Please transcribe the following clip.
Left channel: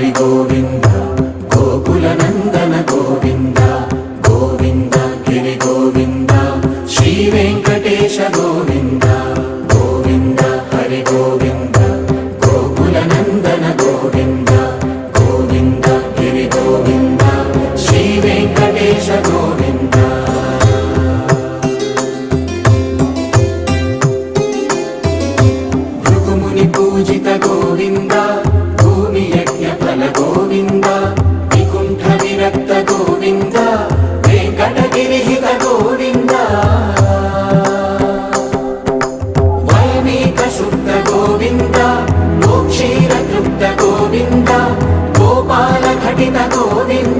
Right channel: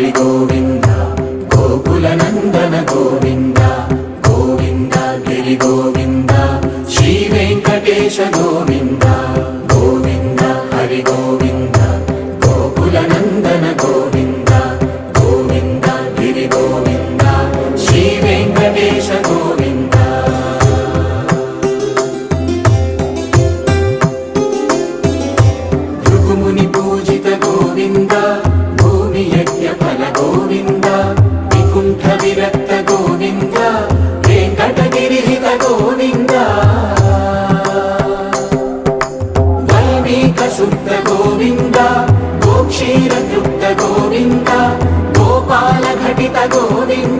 హరి గోవింద గోకుల నందన గోవింద గోవింద గిరి గోవింద శ్రీ వెంకటేశ గోవింద గోవింద హరి గోవింద గోకుల నందన గోవింద గోవింద గిరి గోవింద శ్రీ వెంకటేశ గోవింద భృగుముని పూజిత గోవింద భూమి యజ్ఞ ఫల గోవింద వికుంఠ విరక్త గోవింద వెంకటగిరి హిత గోవింద వైదిక శుద్ధ గోవింద గోక్షీర తృప్త గోవింద గోపాల ఘటిత గోవింద